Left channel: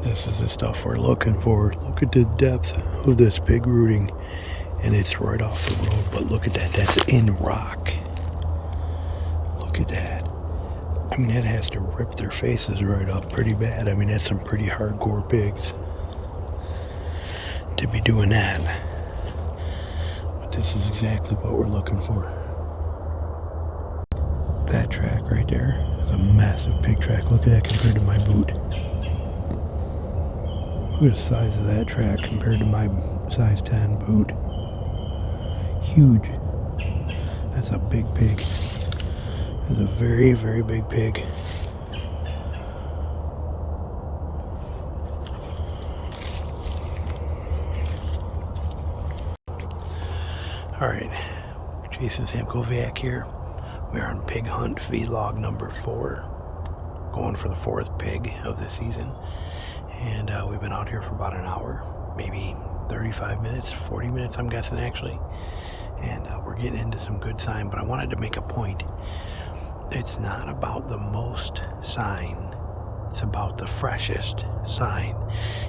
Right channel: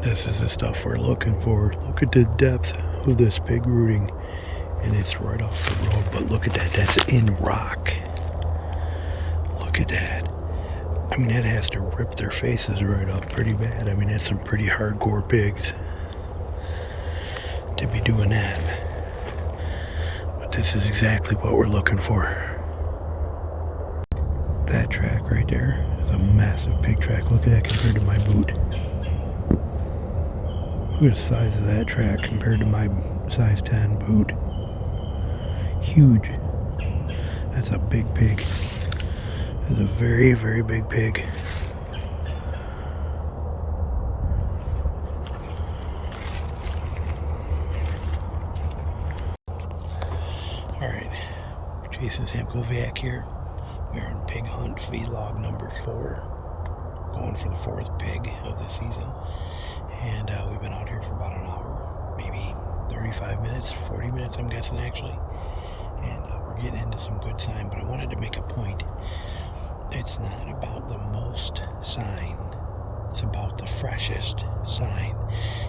This is the stuff we're looking for. Look at the depth of this pig rooting. And it's right off the road, but look at that. That's in rock. Look at that. I mean, that has to rip their faces right up pretty bad. I mean, that's some pretty hardcore pigs to be doing that. But this is exactly what we're looking for. That track right there is a massive pig track. Look at that compared to my boot. Look at the size of that track compared to my size 10 boot. Huge. That's a big pig. That's a very, very big pig. Alright, Jason Samkoviak here. We are on Pig Hunt vlog number 4. Going for the 4th pig of the season. And we've been out here for about an hour. Maybe 35 minutes, 40 minutes I'm guessing actually. And we're getting into some good sign, but I wanted to make a point. It's not about the most sign, it's about the freshest sign.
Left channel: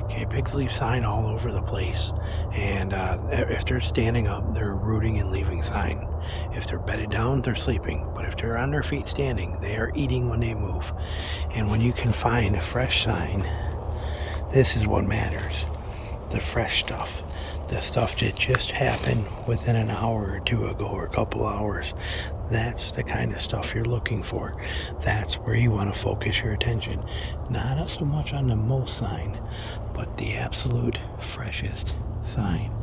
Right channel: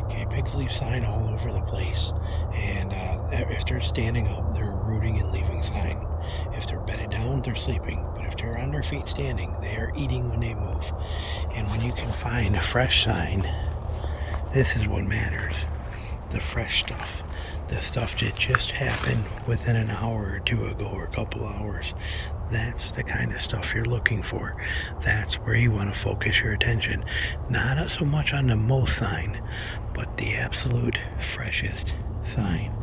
Okay, pigs leave sign all over the place, and if they're standing up, they're rooting and leaving sign. If they're bedded down, they're sleeping, but if they're on their feet standing, they are eating when they move. And when you can find a fresh sign, this is what matters. The fresh stuff. The stuff that just happened within an hour or two ago, or a couple hours. That's the kind of stuff you're looking for. That's where you want to focus your attention. Not so much on the most sign, but the absolute freshest sign.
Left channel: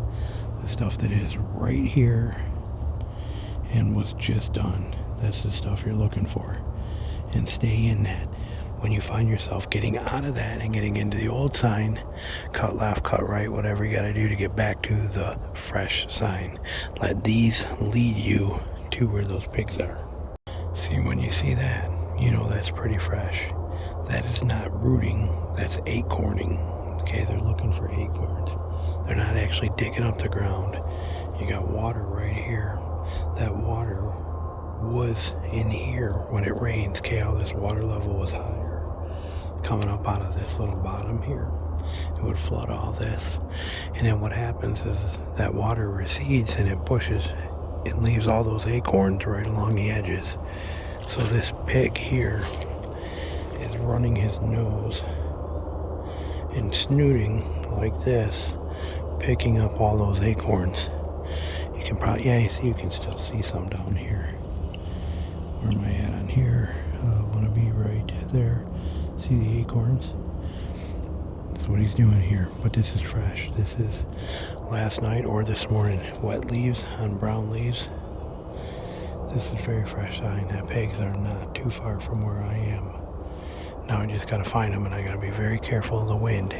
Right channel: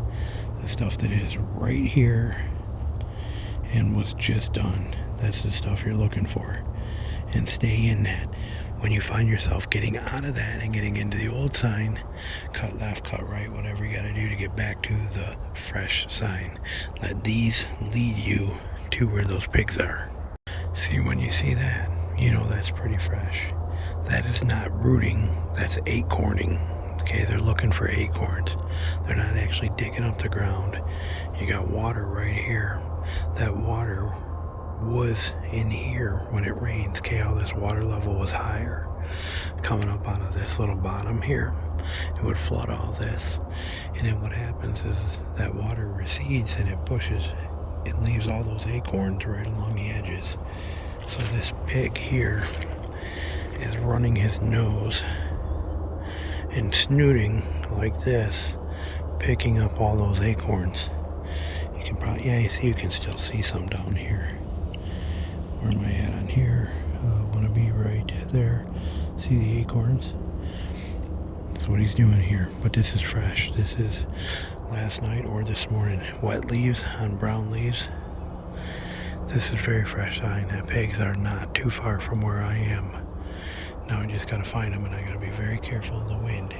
The stuff that is right here and was just done. That's the stuff you're looking for. And stay in that. When you find yourself getting out of that and getting into the old sign, cut left, cut right, whatever you got to do to get back to the fresh sign. Let these lead you to where those pigs are. See, when you see that, you know that's pretty fresh. That is not rooting, that's acorning. Okay, they're looking for acorns. They're not actually digging up the ground. You got water right here. That water was in here when it rains. Okay, how this water level was higher. Coming up out of this little bottom here. It would flood all this. And then what happens is that water recedes and it pushes, it leaves all those acorns right along the edges. So this pig here is running his nose and snooting like this, picking up all those acorns. You can probably, yeah, you see, you can still see some down here. Where am I at on here? I want to be right there. See the acorns? That's what he's doing here. But this is fresh. This is last night or this morning. Wet leaves on brown leaves. This is very fresh sign. That pigs are not too far from where I am. Now I just got to find them, and I got to be very careful of the wind.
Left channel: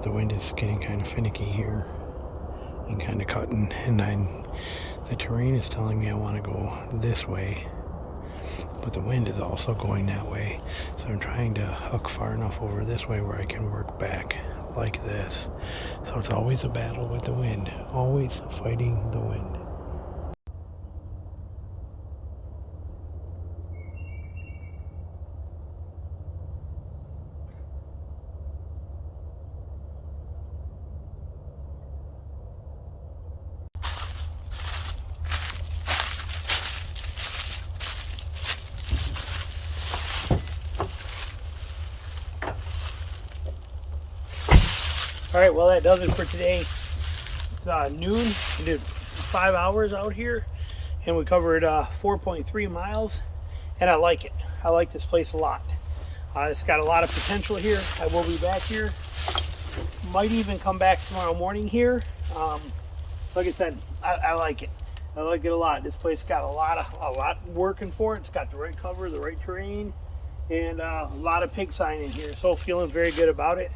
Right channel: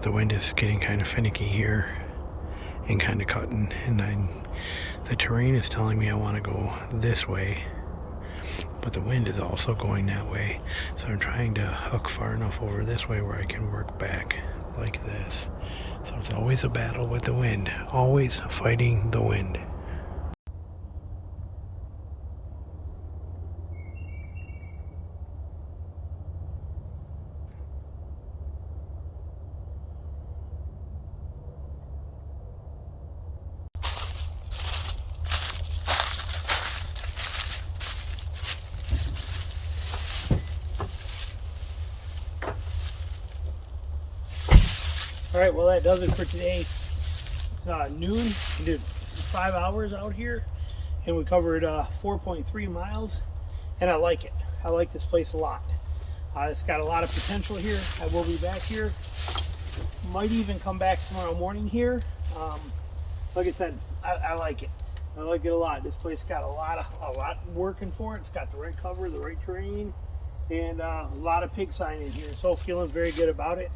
The wind is getting kind of finicky here and kind of cutting, and the terrain is telling me I want to go this way, but the wind is also going that way. So I'm trying to hook far enough over this way where I can work back like this. So it's always a battle with the wind, always fighting the wind. All right, well, that does it for today. It's noon. We did 5 hours out here, and we covered 4.3 miles, and I like it. I like this place a lot. It's got a lot of potential here. I will be back here. Might even come back tomorrow morning here. Like I said, I like it. I like it a lot. This place got a lot working for it. It's got the right cover, the right terrain, and a lot of pig sign in here. So feeling very good about it.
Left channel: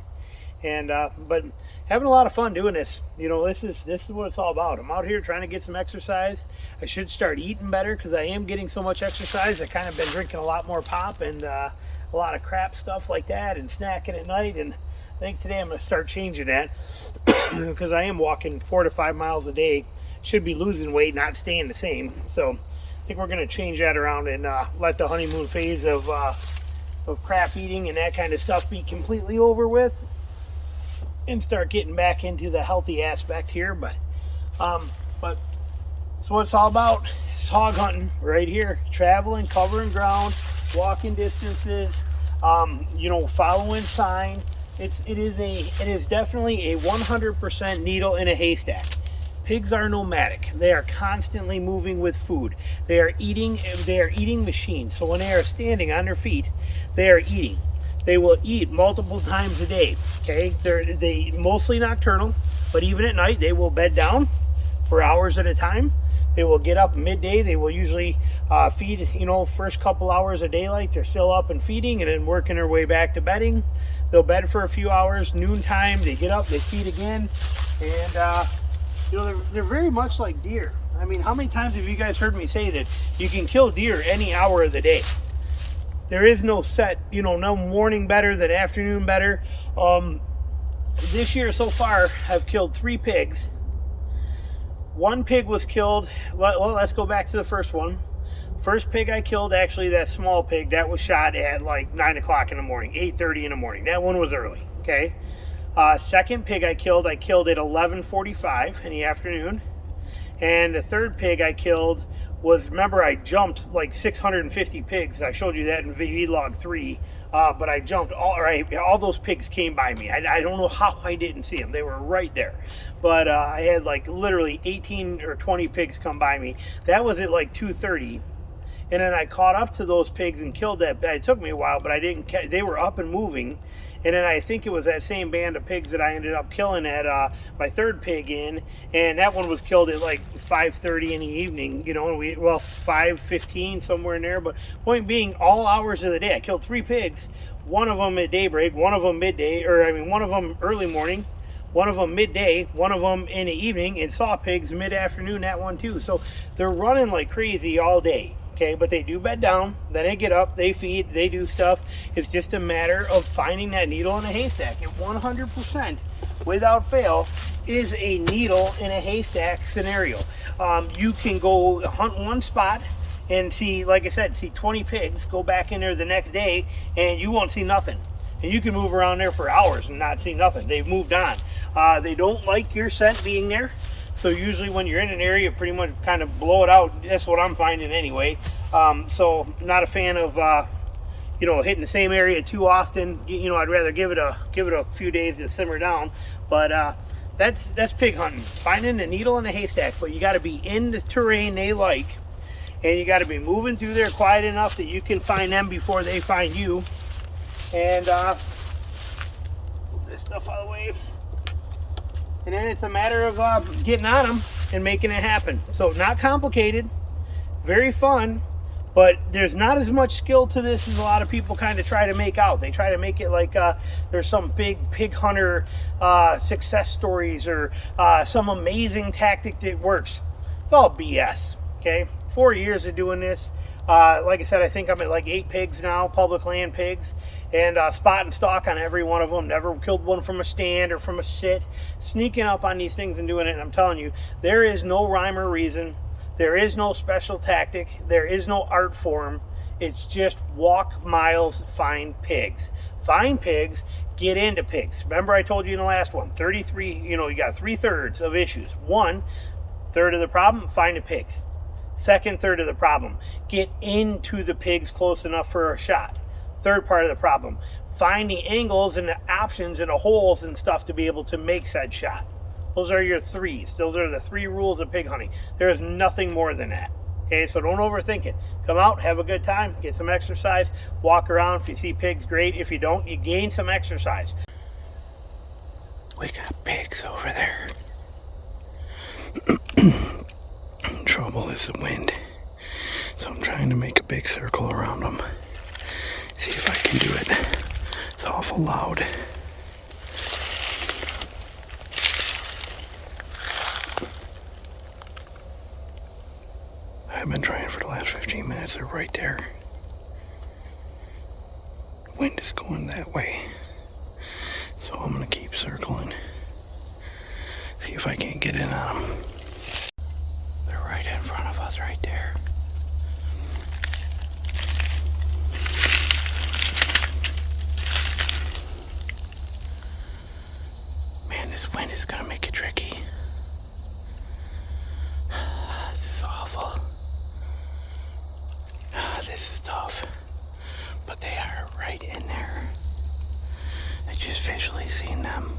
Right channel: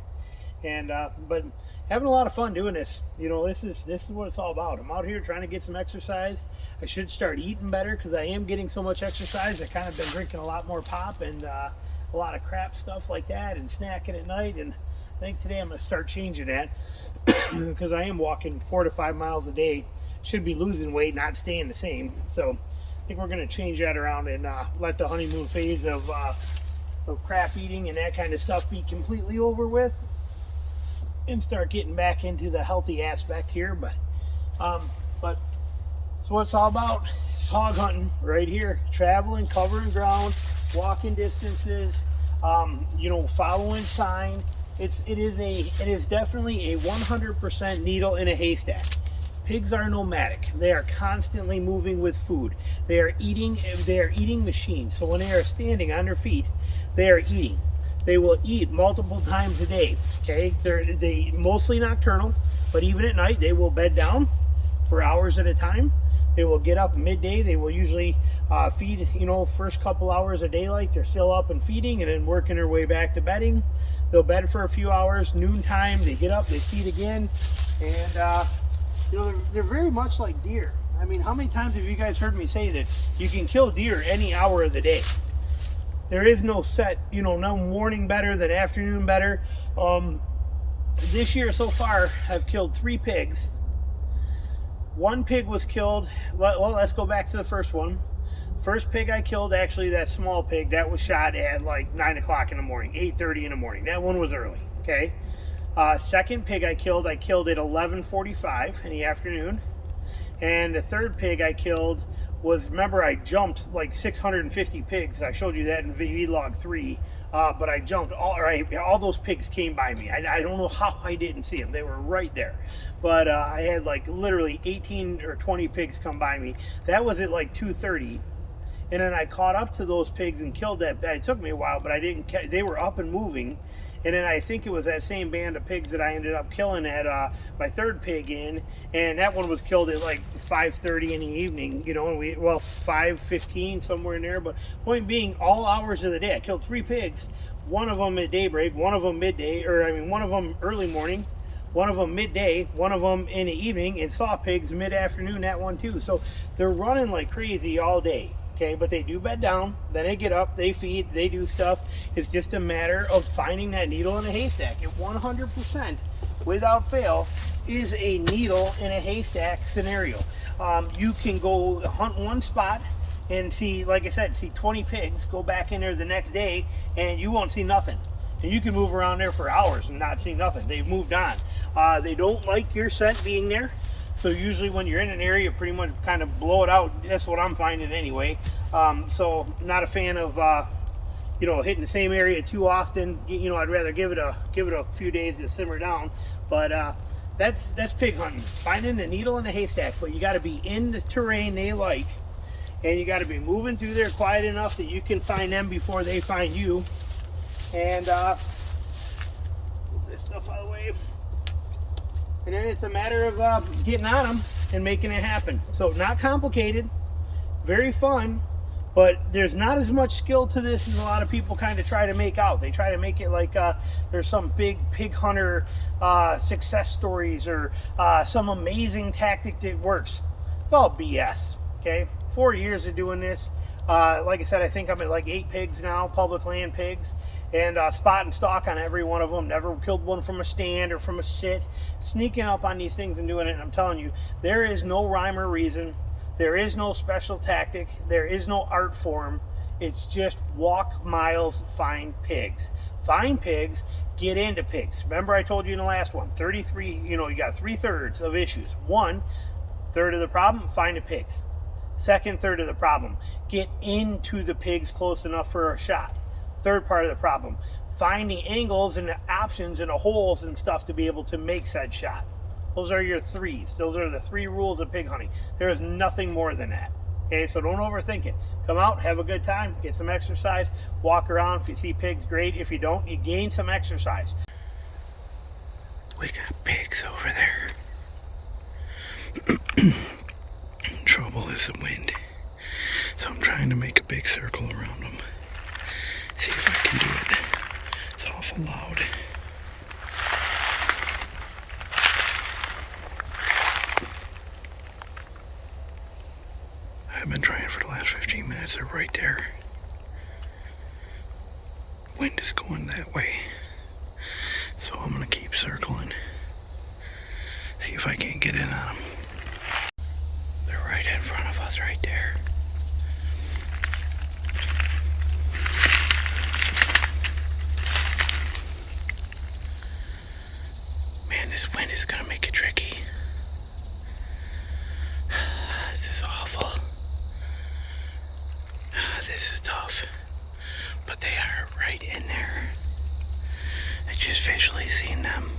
And but having a lot of fun doing this. You know, this is what it's all about. I'm out here trying to get some exercise. I should start eating better because I am getting so much exercise. I kind of been drinking a lot more pop and a lot of crap stuff like that, and snacking at night. And I think today I'm going to start changing that because I am walking 4 to 5 miles a day. Should be losing weight, not staying the same. So I think we're going to change that around and let the honeymoon phase of of crap eating and that kind of stuff be completely over with and start getting back into the healthy aspect here. But it's what it's all about. It's hog hunting right here, traveling, covering ground, walking distances, you know, following sign. It is definitely a 100% needle in a haystack. Pigs are nomadic. They are constantly moving with food. They are eating machines. So when they are standing on their feet, they are eating. They will eat multiple times a day. Okay, they mostly nocturnal, but even at night they will bed down for hours at a time. They will get up midday. They will usually feed, you know, first couple hours of daylight. They're still up and feeding, and then working their way back to bedding. They'll bed for a few hours. Noontime, they get up, they feed again, and you know, they're very much like deer. I mean, how many times have you guys heard me say that you can kill deer any hour of the day? There is no set, you know, no morning better than afternoon better. This year so far, I've killed 3 pigs. 1 pig was killed. Well, let's go back to the first one. First pig I killed, actually, that small pig, that was shot at like 9 o'clock in the morning, 8:30 in the morning. That one was early, okay? Second pig I killed at 11:45 in the afternoon. And the third pig I killed was, remember, I jumped like 650 pigs. I showed you that in vlog 3. But I jumped, all those pigs came by me. I don't know how I didn't see them. They were right there. But I had like literally 18 or 20 pigs come by me. That was at like 2:30. And then I caught up to those pigs and killed that. It took me a while, but I didn't catch. They were up and moving. And then I think it was that same band of pigs that I ended up killing at my third pig in, and that one was killed at like 5:30 in the evening, you know, and 5:15 somewhere in there. But point being, all hours of the day, I killed 3 pigs, one of them at daybreak, one of them midday, one of them early morning, one of them midday, one of them in the evening, and saw pigs mid-afternoon, that one too. So they're running like crazy all day. Okay, but they do bed down, then they get up, they feed, they do stuff. It's just a matter of finding that needle in a haystack. It 100%, without fail, is a needle in a haystack scenario. You can go hunt one spot and see, like I said, see 20 pigs, go back in there the next day, and you won't see nothing. And you can move around there for hours and not see nothing. They've moved on. They don't like your scent being there. So usually when you're in an area, pretty much kind of blow it out. That's what I'm finding anyway. So not a fan of you know, hitting the same area too often. You know, I'd rather give it a few days to simmer down. But that's pig hunting, finding a needle in a haystack. But you got to be in the terrain they like, and you got to be moving through there quiet enough that you can find them before they find you. And move this stuff out of the way. And then it's a matter of getting on them and making it happen. So not complicated, very fun, but there's not as much skill to this as a lot of people kind of try to make out. They try to make it like there's some big pig hunter success stories or some amazing tactic that works. It's all BS, okay? 4 years of doing this. Like I said, I think I'm at like 8 pigs now, public land pigs, and spot and stalk on every one of them. Never killed one from a stand or from a sit. Sneaking up on these things and doing it, and I'm telling you, there is no rhyme or reason. There is no special tactic. There is no art form. It's just walk miles, find pigs. Find pigs, get into pigs. Remember I told you in the last one, 33, you know, you got 3/3 of issues. 1/3 of the problem, find the pigs. 2/3 of the problem, get into the pigs close enough for a shot. 3rd part of the problem, find the angles and the options and the holes and stuff to be able to make said shot. Those are your 3s. Those are the 3 rules of pig hunting. There is nothing more than that. Okay, so don't overthink it. Come out, have a good time, get some exercise, walk around. If you see pigs, great. If you don't, you gain some exercise. We got pigs over there. Trouble is the wind, so I'm trying to make a big circle around them. See if I can do it. It's awful loud. I've been trying for the last 15 minutes. They're right there. Wind is going that way, so I'm gonna keep circling. See if I can't get in on them. They're right in front of us, right there. are right in there. I just visually seen them.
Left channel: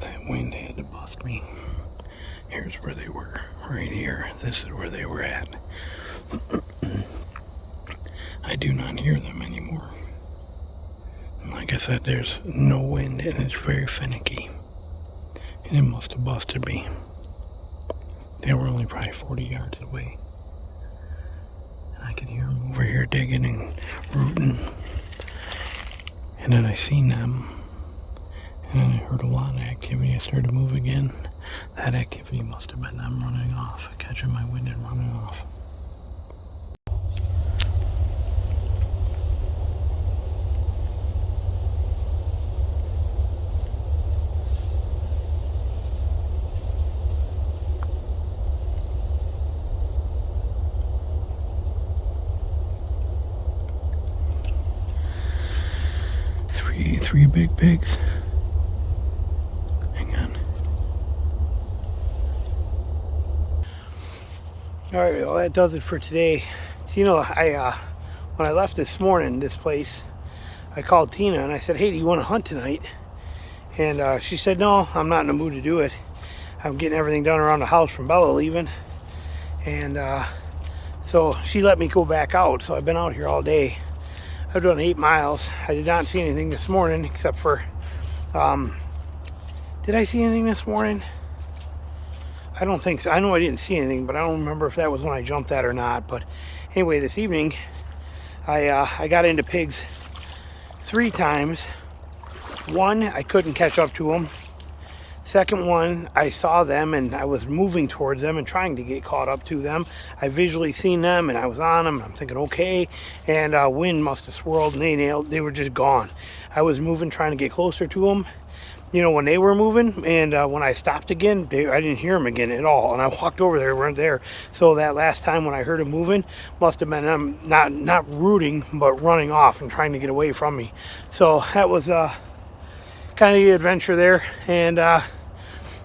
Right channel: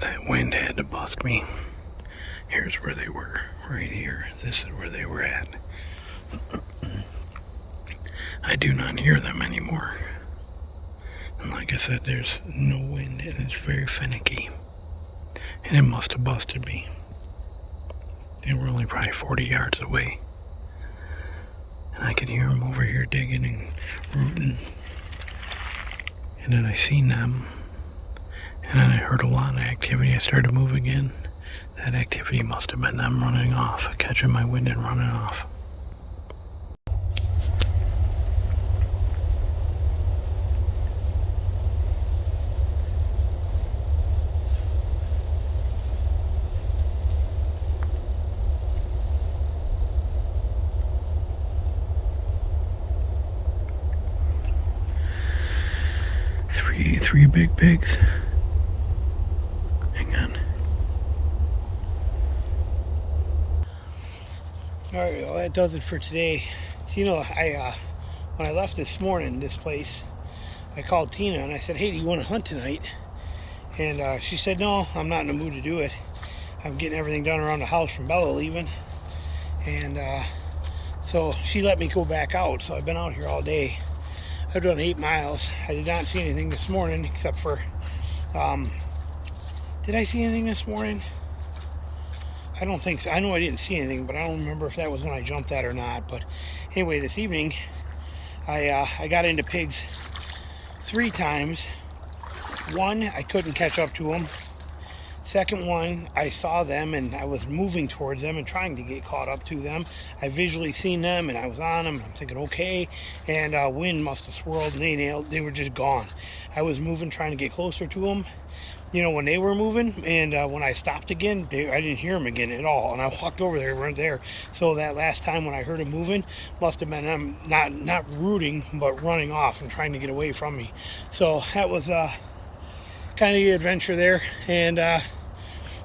That wind had to busk me. Here's where they were, right here. This is where they were at. I do not hear them anymore. And like I said, there's no wind and it's very finicky. And it must have busted me. They were only probably 40 yards away. And I could hear them over here digging and rooting. And then I seen them. And then I heard a lot of activity. I started to move again. That activity must have been them running off, catching my wind and running off. Three big pigs. Hang on. Alright, well that does it for today. Tina, when I left this morning, this place, I called Tina and I said, hey, do you want to hunt tonight? And she said, no, I'm not in the mood to do it. I'm getting everything done around the house from Bella leaving. And so she let me go back out. So I've been out here all day. I've done 8 miles. I did not see anything this morning except for, did I see anything this morning? I don't think so. I know I didn't see anything, but I don't remember if that was when I jumped that or not. But anyway, this evening, I got into pigs 3 times. One, I couldn't catch up to them. Second one, I saw them and I was moving towards them and trying to get caught up to them. I visually seen them and I was on them. I'm thinking, okay. And wind must have swirled and they were just gone. I was moving, trying to get closer to them, you know, when they were moving. And when I stopped again, I didn't hear them again at all. And I walked over there, they weren't there. So that last time when I heard them moving, must have been them not rooting, but running off and trying to get away from me. So that was kind of the adventure there. And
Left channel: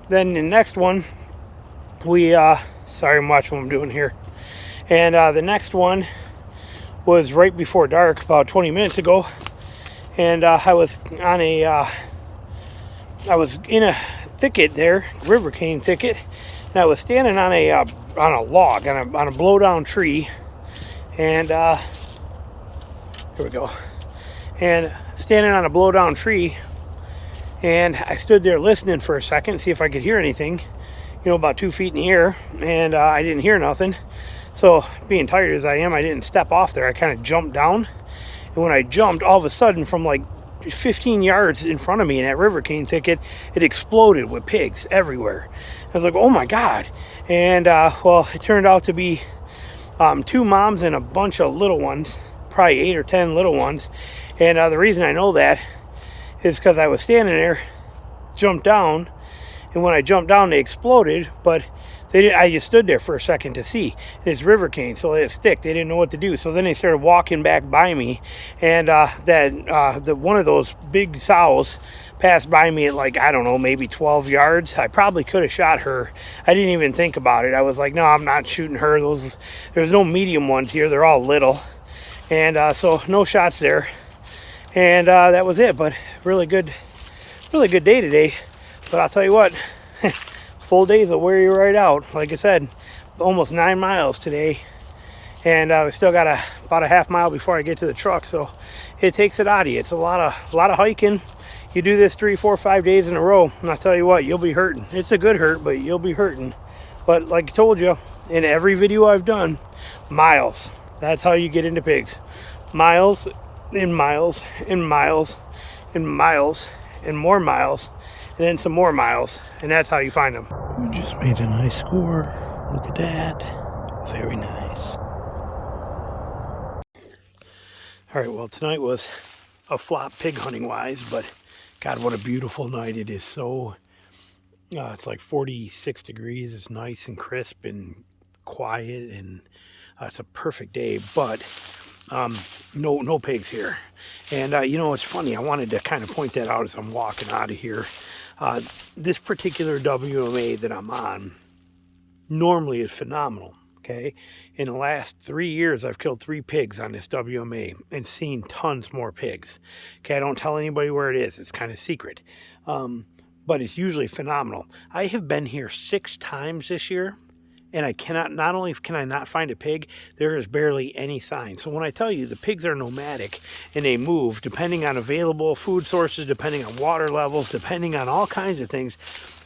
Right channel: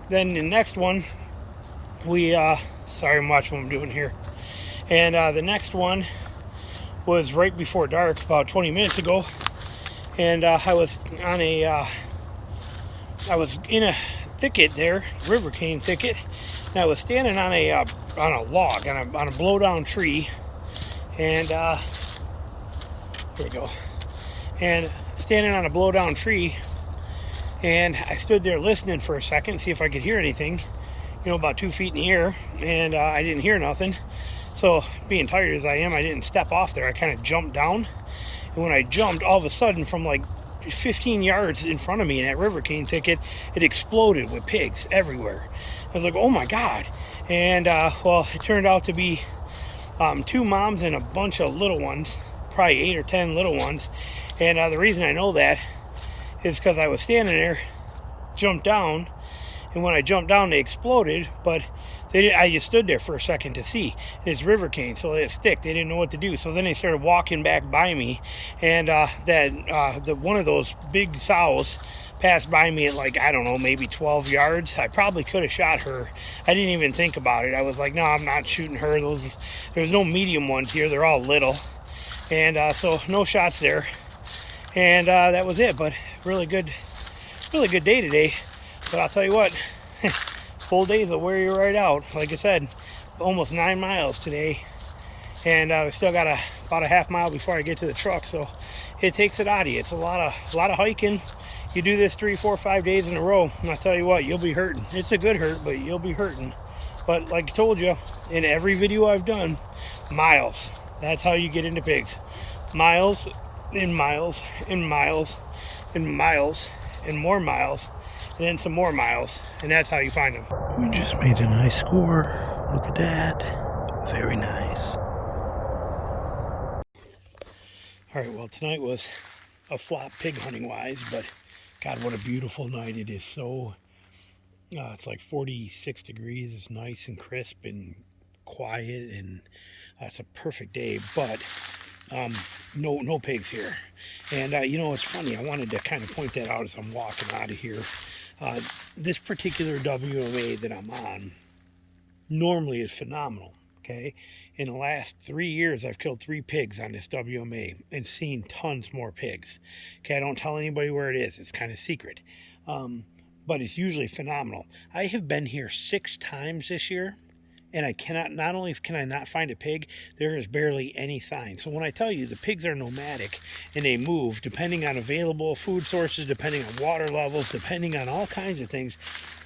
then the next one, sorry, I'm watching what I'm doing here. And the next one was right before dark, about 20 minutes ago. And I was in a thicket there, river cane thicket. And I was standing on a log, on a blow down tree. And here we go. And standing on a blow down tree. And I stood there listening for a second, see if I could hear anything, you know, about 2 feet in the air, and I didn't hear nothing. So, being tired as I am, I didn't step off there. I kind of jumped down, and when I jumped, all of a sudden, from like 15 yards in front of me in that river cane thicket, it exploded with pigs everywhere. I was like, oh my God. And, well, it turned out to be 2 moms and a bunch of little ones, probably 8 or 10 little ones. And the reason I know that is because I was standing there, jumped down, and when I jumped down they exploded, but I just stood there for a second to see. And it's river cane, so they stick, they didn't know what to do. So then they started walking back by me, and one of those big sows passed by me at like, I don't know, maybe 12 yards. I probably could have shot her. I didn't even think about it. I was like, no, I'm not shooting her. There's no medium ones here, they're all little. And so no shots there. And that was it. But really good day today. But I'll tell you what, full days will wear you right out. Like I said, almost 9 miles today, and we still got about a half mile before I get to the truck. So it takes it out of you. It's a lot of hiking. You do this 3, 4, 5 days in a row, and I'll tell you what, you'll be hurting. It's a good hurt, but you'll be hurting. But like I told you in every video I've done, miles. That's how you get into pigs. Miles and miles and miles and miles and more miles, and then some more miles, and that's how you find them. We just made a nice score. Look at that. Very nice. Alright, well, tonight was a flop pig hunting wise, but God, what a beautiful night. It is so it's like 46 degrees. It's nice and crisp and quiet, and it's a perfect day. But no pigs here. And you know, it's funny, I wanted to kind of point that out as I'm walking out of here. This particular WMA that I'm on normally is phenomenal. Okay, in the last 3 years I've killed 3 pigs on this WMA and seen tons more pigs. Okay, I don't tell anybody where it is, it's kind of secret, but it's usually phenomenal. I have been here 6 times this year, and I cannot, not only can I not find a pig, there is barely any sign. So when I tell you the pigs are nomadic and they move depending on available food sources, depending on water levels, depending on all kinds of things,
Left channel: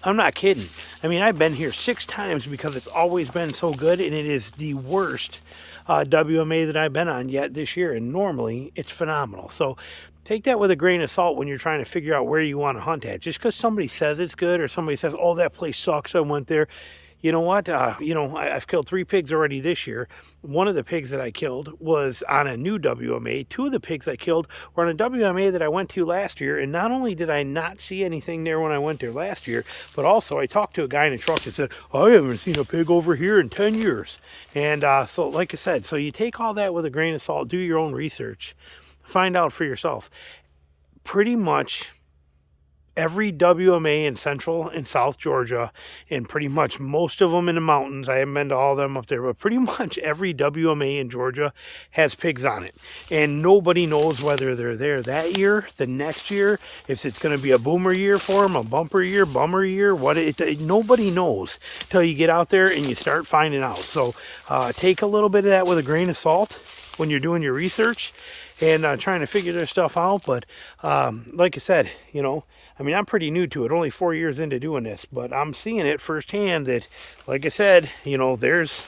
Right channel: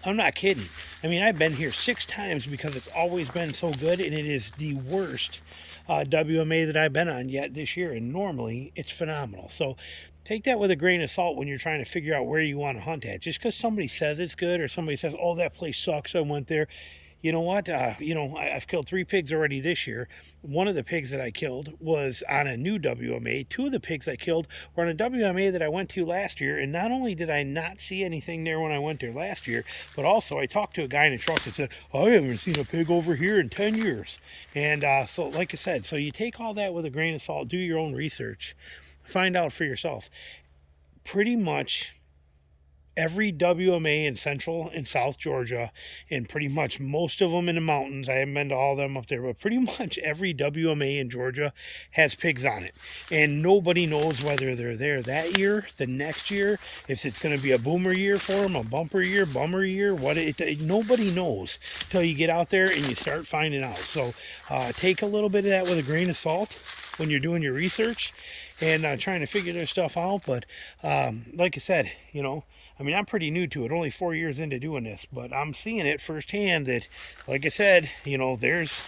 I'm not kidding. I mean, I've been here 6 times because it's always been so good, and it is the worst WMA that I've been on yet this year, and normally it's phenomenal. So take that with a grain of salt when you're trying to figure out where you want to hunt at. Just because somebody says it's good, or somebody says, oh, that place sucks, I went there. You know what? You know, I've killed 3 pigs already this year. One of the pigs that I killed was on a new WMA. 2 of the pigs I killed were on a WMA that I went to last year. And not only did I not see anything there when I went there last year, but also I talked to a guy in a truck that said, I haven't seen a pig over here in 10 years. And so, like I said, so you take all that with a grain of salt, do your own research, find out for yourself. Pretty much every WMA in Central and South Georgia, and pretty much most of them in the mountains, I haven't been to all of them up there, but pretty much every WMA in Georgia has pigs on it. And nobody knows whether they're there that year, the next year, if it's going to be a boomer year for them, a bumper year, bummer year, nobody knows till you get out there and you start finding out. So take a little bit of that with a grain of salt when you're doing your research and trying to figure this stuff out. But like I said, you know, I mean, I'm pretty new to it, only 4 years into doing this, but I'm seeing it firsthand that, like I said, you know, there's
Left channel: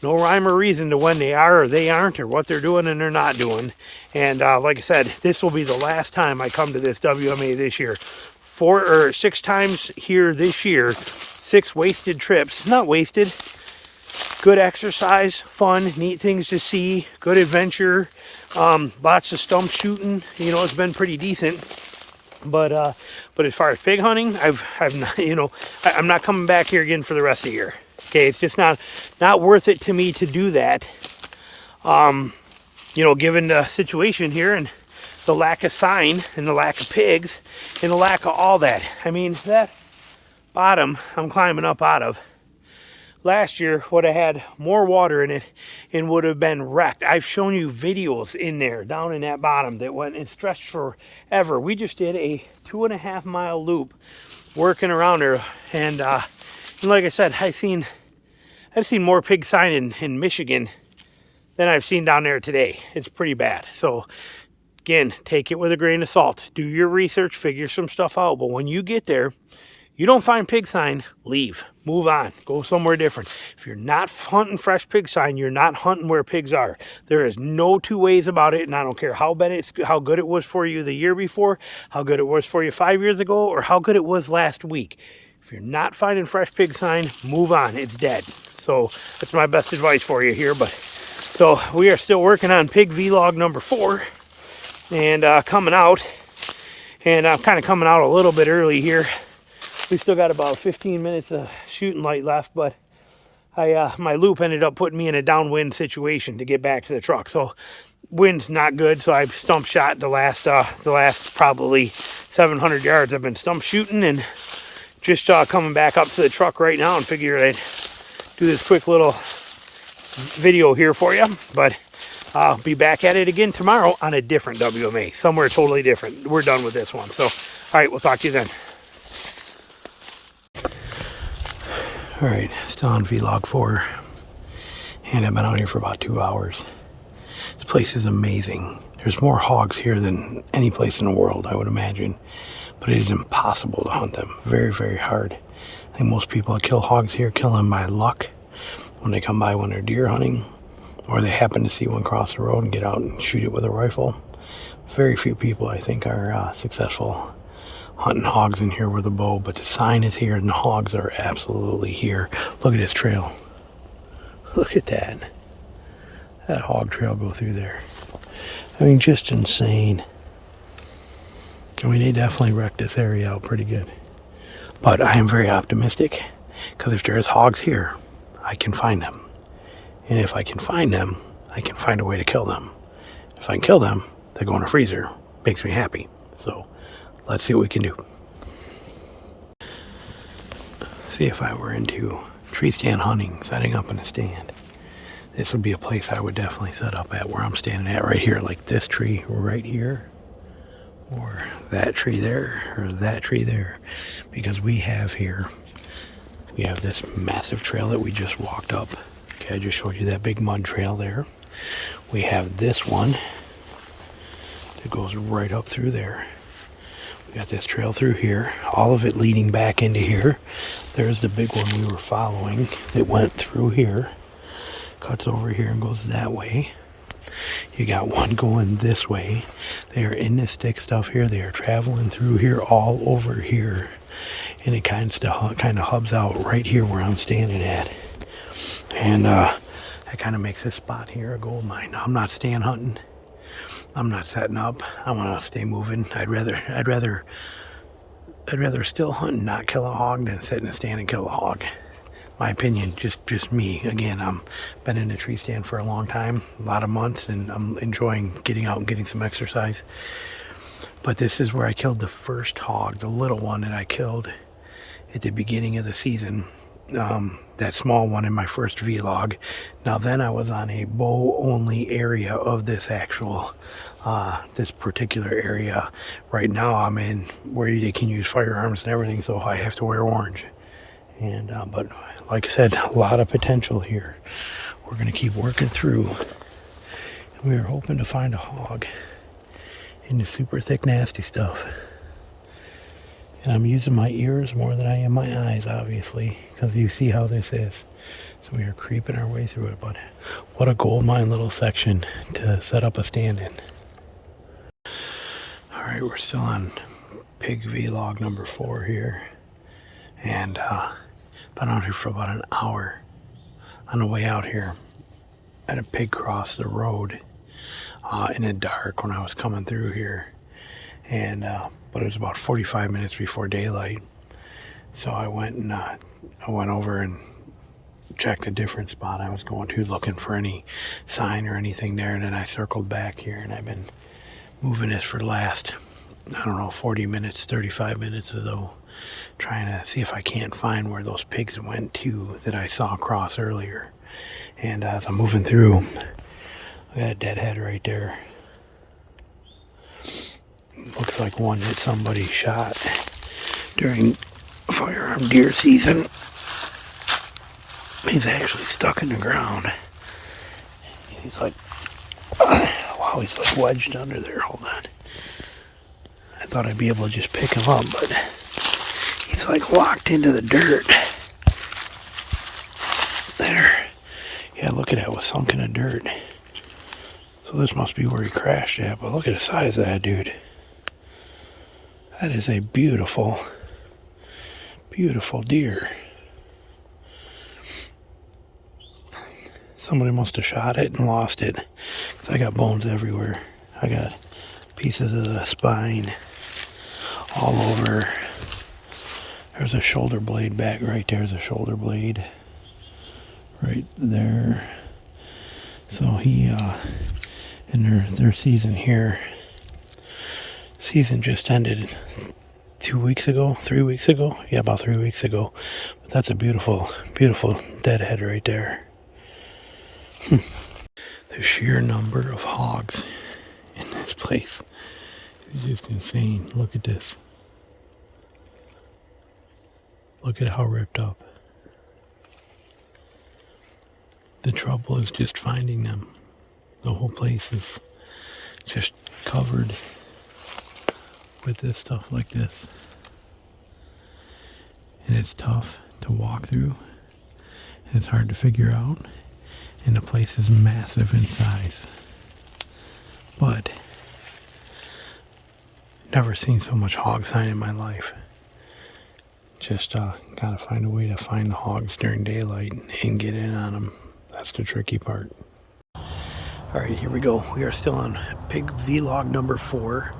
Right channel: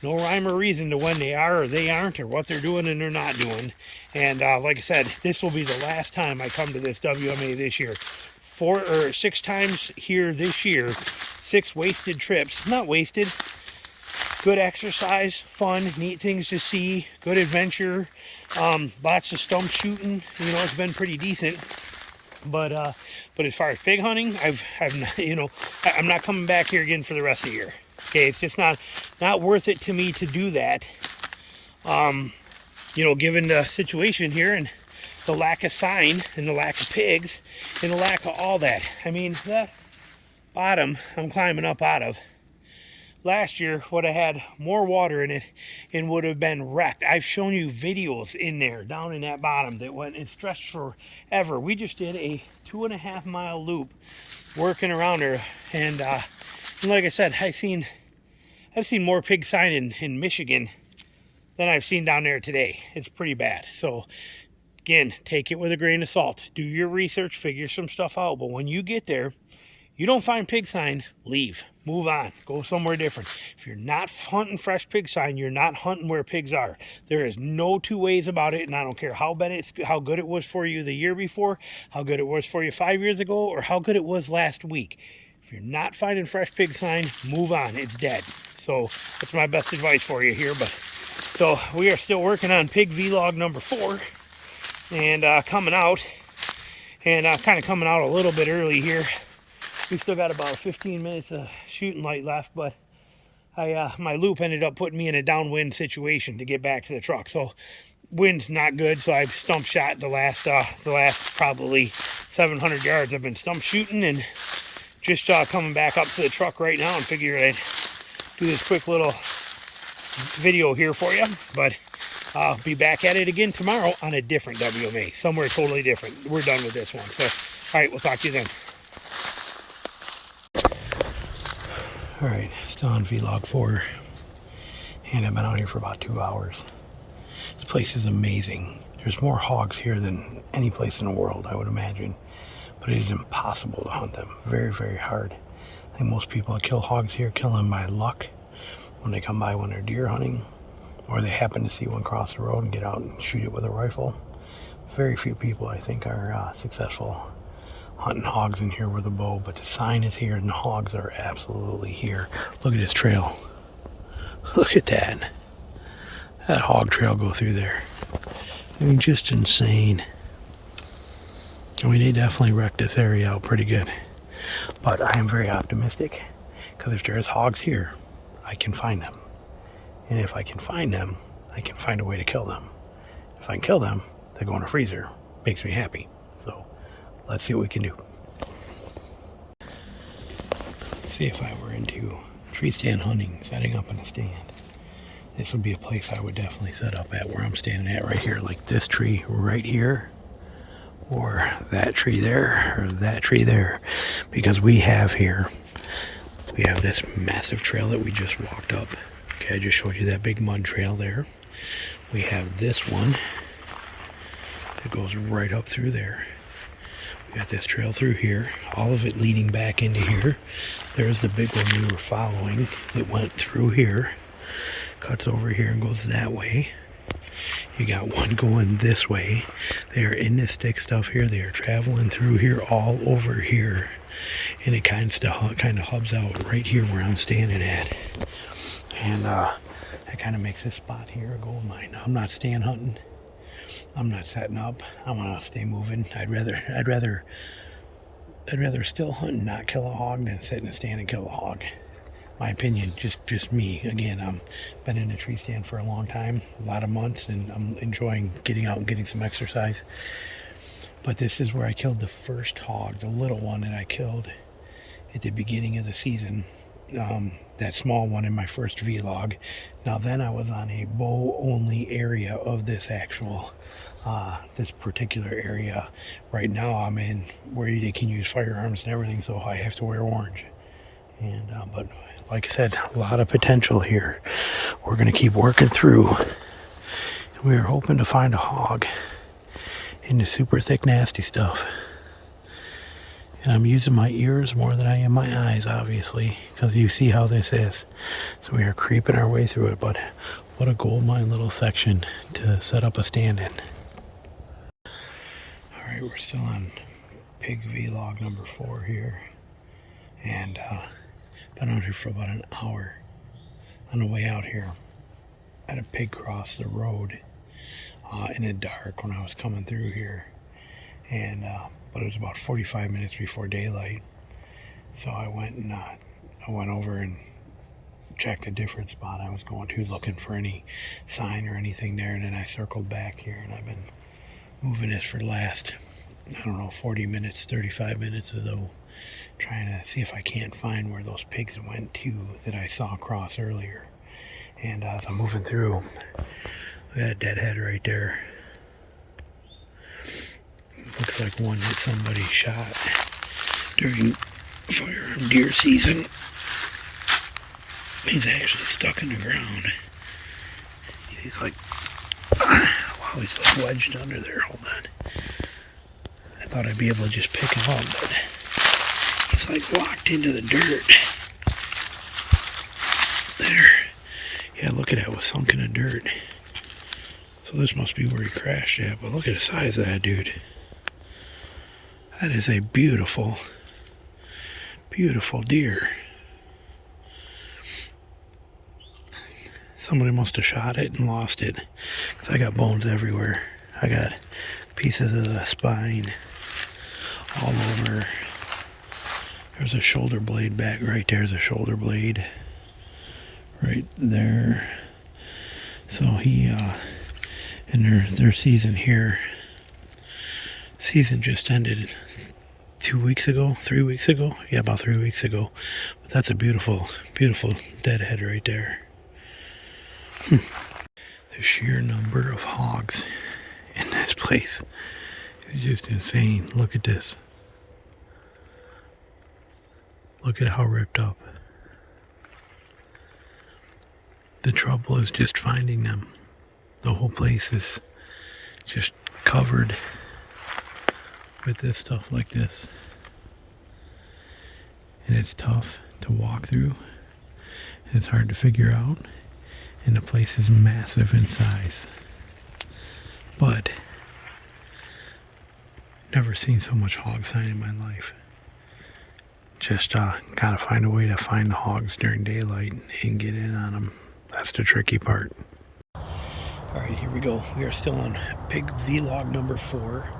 no rhyme or reason to when they are or they aren't, or what they're doing and they're not doing. And like I said, this will be the last time I come to this WMA this year. 4 or 6 times here this year, 6 wasted trips, not wasted, good exercise, fun, neat things to see, good adventure, lots of stump shooting. You know, it's been pretty decent. But as far as pig hunting, I've not, you know, I'm not coming back here again for the rest of the year. Okay, it's just not worth it to me to do that. You know, given the situation here and the lack of sign and the lack of pigs and the lack of all that. I mean, that bottom I'm climbing up out of last year would have had more water in it and would have been wrecked. I've shown you videos in there down in that bottom that went and stretched forever. We just did a 2.5 mile loop working around there, and like I said, I've seen more pig sign in Michigan than I've seen down there today. It's pretty bad. So again, take it with a grain of salt. Do your research, figure some stuff out. But when you get there, you don't find pig sign, leave. Move on. Go somewhere different. If you're not hunting fresh pig sign, you're not hunting where pigs are. There is no 2 ways about it, and I don't care how good it was for you the year before, how good it was for you 5 years ago, or how good it was last week. If you're not finding fresh pig sign, move on. It's dead. So that's my best advice for you here. But so we are still working on pig vlog number 4, and coming out. And I'm kind of coming out a little bit early here. We still got about 15 minutes of shooting light left, but my loop ended up putting me in a downwind situation to get back to the truck. So wind's not good, so I've stump shot the last probably 700 yards. I've been stump shooting and just coming back up to the truck right now and figure I'd do this quick little video here for you. But I'll be back at it again tomorrow on a different WMA, somewhere totally different. We're done with this one. So, all right, we'll talk to you then. All right, still on vlog 4, and I've been out here for about 2 hours. This place is amazing. There's more hogs here than any place in the world, I would imagine, but it is impossible to hunt them. Very, very hard. I think most people that kill hogs here kill them by luck when they come by when they're deer hunting, or they happen to see one cross the road and get out and shoot it with a rifle. Very few people, I think, are successful hunting hogs in here with a bow, but the sign is here and the hogs are absolutely here. Look at this trail. Look at that. That hog trail go through there. I mean, just insane. I mean, they definitely wrecked this area out pretty good. But I am very optimistic, because if there's hogs here, I can find them. And if I can find them, I can find a way to kill them. If I can kill them, they go in a freezer. Makes me happy. So let's see what we can do. See, if I were into tree stand hunting, setting up in a stand, this would be a place I would definitely set up at, where I'm standing at right here, like this tree right here, or that tree there, or that tree there. Because we have this massive trail that we just walked up. Okay, I just showed you that big mud trail there. We have this one that goes right up through there. We got this trail through here, all of it leading back into here. There's the big one we were following that went through here, cuts over here and goes that way. You got one going this way. They are in this thick stuff here. They are traveling through here, all over here. And it kind of hubs out right here where I'm standing at. And that kind of makes this spot here a gold mine. Now, I'm not stand hunting. I'm not setting up. I want to stay moving. I'd rather still hunt and not kill a hog than sit in a stand and kill a hog. My opinion, just me. Again, I'm been in a tree stand for a long time, a lot of months, and I'm enjoying getting out and getting some exercise. But this is where I killed the first hog, the little one that I killed at the beginning of the season. That small one in my first vlog. Now then I was on a bow only area of this this particular area. Right now I'm in where they can use firearms and everything, so I have to wear orange. And but like I said, a lot of potential here. We're gonna keep working through. We are hoping to find a hog in the super thick nasty stuff. And I'm using my ears more than I am my eyes, obviously, because you see how this is. So we are creeping our way through it, but what a gold mine little section to set up a stand in. All right, we're still on pig vlog number 4 here. And been out here for about an hour. On the way out here, I had a pig cross the road in the dark when I was coming through here. And but it was about 45 minutes before daylight, so I went over and checked a different spot I was going to, looking for any sign or anything there, and then I circled back here, and I've been moving this for the last, I don't know, 40 minutes, 35 minutes or so, trying to see if I can't find where those pigs went to that I saw cross earlier. And as I'm moving through, I got a dead head right there. Looks like one that somebody shot during firearm deer season. He's actually stuck in the ground. He's like, wow, he's like wedged under there. Hold on. I thought I'd be able to just pick him up, but he's like locked into the dirt. There. Yeah, look at that, was sunk in the dirt. So this must be where he crashed at, but look at the size of that dude. That is a beautiful, beautiful deer. Somebody must have shot it and lost it, because I got bones everywhere. I got pieces of the spine all over. There's a shoulder blade back right there's a shoulder blade right there. So he in their season here. Season just ended 2 weeks ago, 3 weeks ago. Yeah, about 3 weeks ago. But that's a beautiful, beautiful deadhead right there. The sheer number of hogs in this place is just insane. Look at this. Look at how ripped up. The trouble is just finding them. The whole place is just covered with this stuff like this, and it's tough to walk through, and it's hard to figure out, and the place is massive in size. But never seen so much hog sign in my life. Just gotta find a way to find the hogs during daylight and get in on them. That's the tricky part. Alright, here we go. We are still on pig vlog number 4.